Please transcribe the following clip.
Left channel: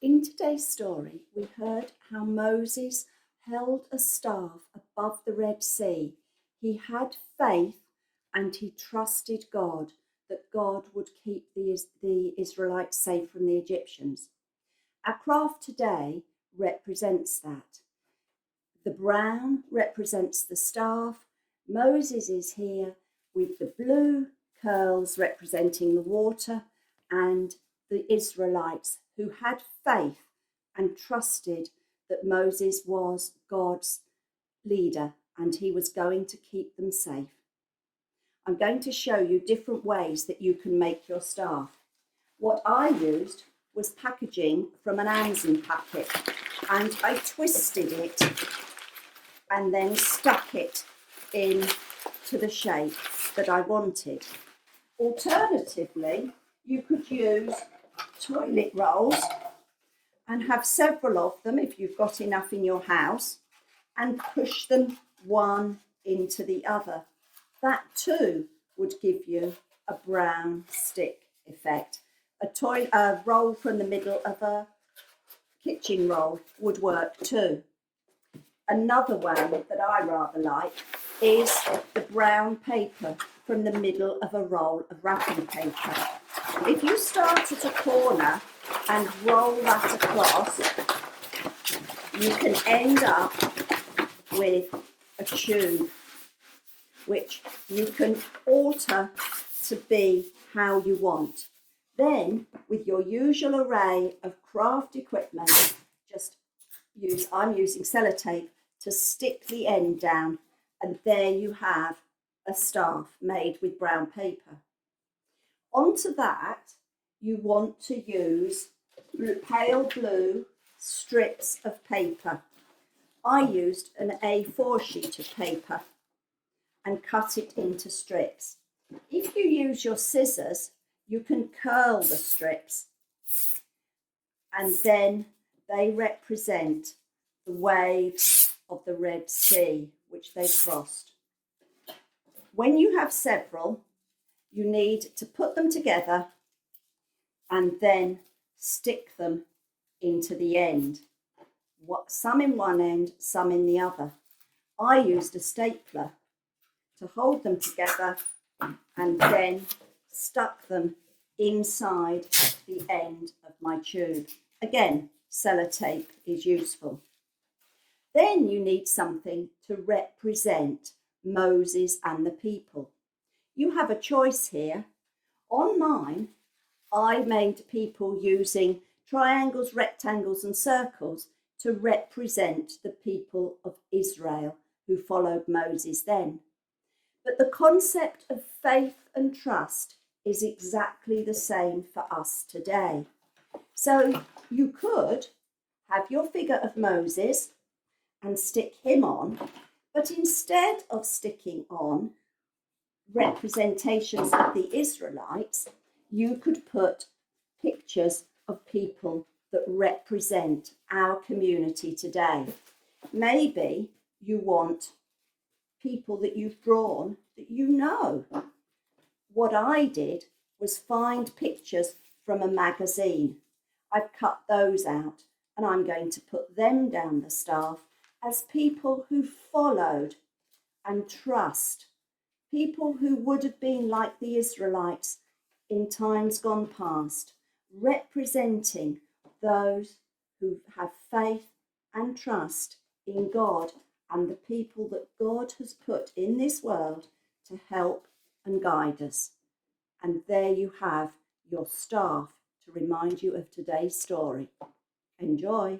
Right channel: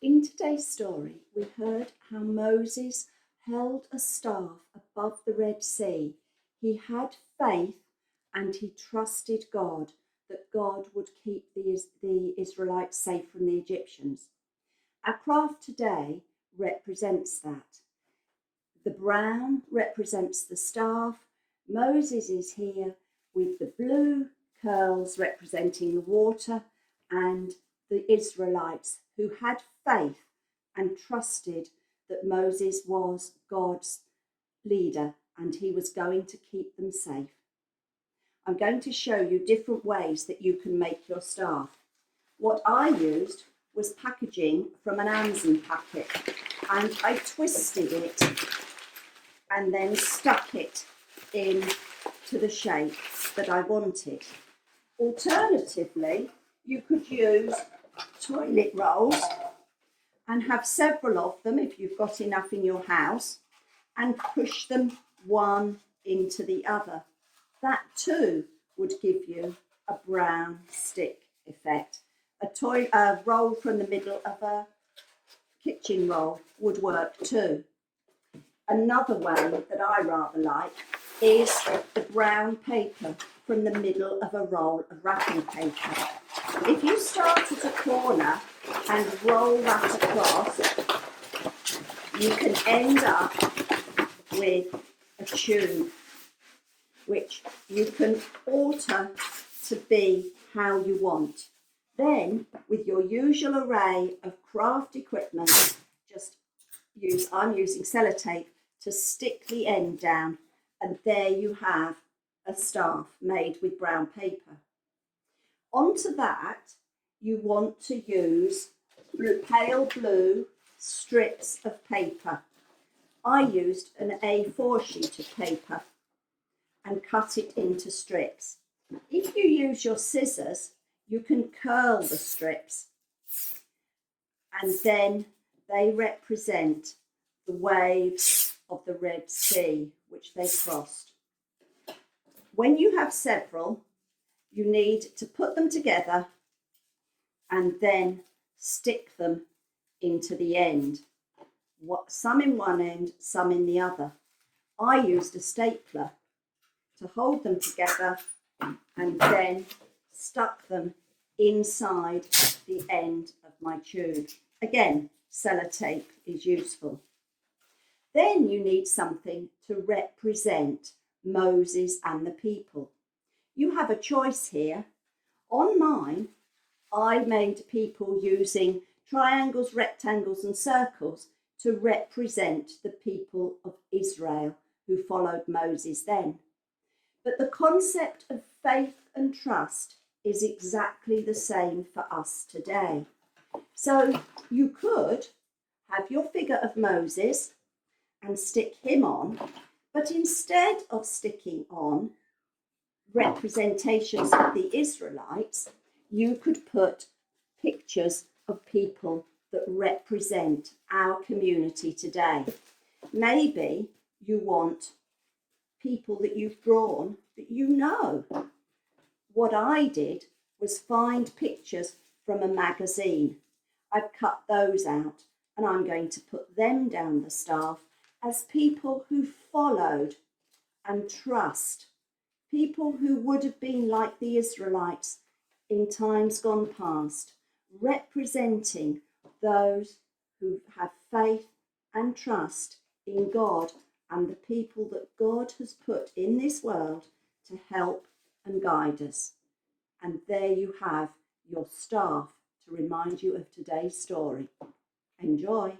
In today's story, we heard how Moses held a staff above the Red Sea. He had faith and he trusted God that God would keep the Israelites safe from the Egyptians. Our craft today represents that. The brown represents the staff. Moses is here with the blue curls representing the water, and the Israelites who had faith and trusted that Moses was God's leader and he was going to keep them safe. I'm going to show you different ways that you can make your staff. What I used was packaging from an Amazon packet, and I twisted it and then stuck it in to the shape that I wanted. Alternatively, you could use toilet rolls and have several of them if you've got enough in your house, and push them one into the other. That too would give you a brown stick effect. A roll from the middle of a kitchen roll would work too. Another way that I rather like is the brown paper from the middle of a roll of wrapping paper. If you start at a corner and roll that across, you can end up with a tube, which you can alter to be how you want. Then, with your usual array of craft equipment, I'm using sellotape to stick the end down, and there you have a staff made with brown paper. Onto that, you want to use pale blue strips of paper. I used an A4 sheet of paper and cut it into strips. If you use your scissors, you can curl the strips, and then they represent the waves of the Red Sea which they crossed. When you have several, you need to put them together and then stick them into the end. Some in one end, some in the other. I used a stapler to hold them together and then stuck them inside the end of my tube. Again, sellotape is useful. Then you need something to represent Moses and the people. You have a choice here. On mine, I made people using triangles, rectangles and circles to represent the people of Israel who followed Moses then. But the concept of faith and trust is exactly the same for us today. So you could have your figure of Moses and stick him on, but instead of sticking on representations of the Israelites, you could put pictures of people that represent our community today. Maybe you want people that you've drawn that you know. What I did was find pictures from a magazine. I've cut those out and I'm going to put them down the staff as people who followed and trust, people who would have been like the Israelites in times gone past, representing those who have faith and trust in God and the people that God has put in this world to help and guide us. And there you have your staff to remind you of today's story. Enjoy.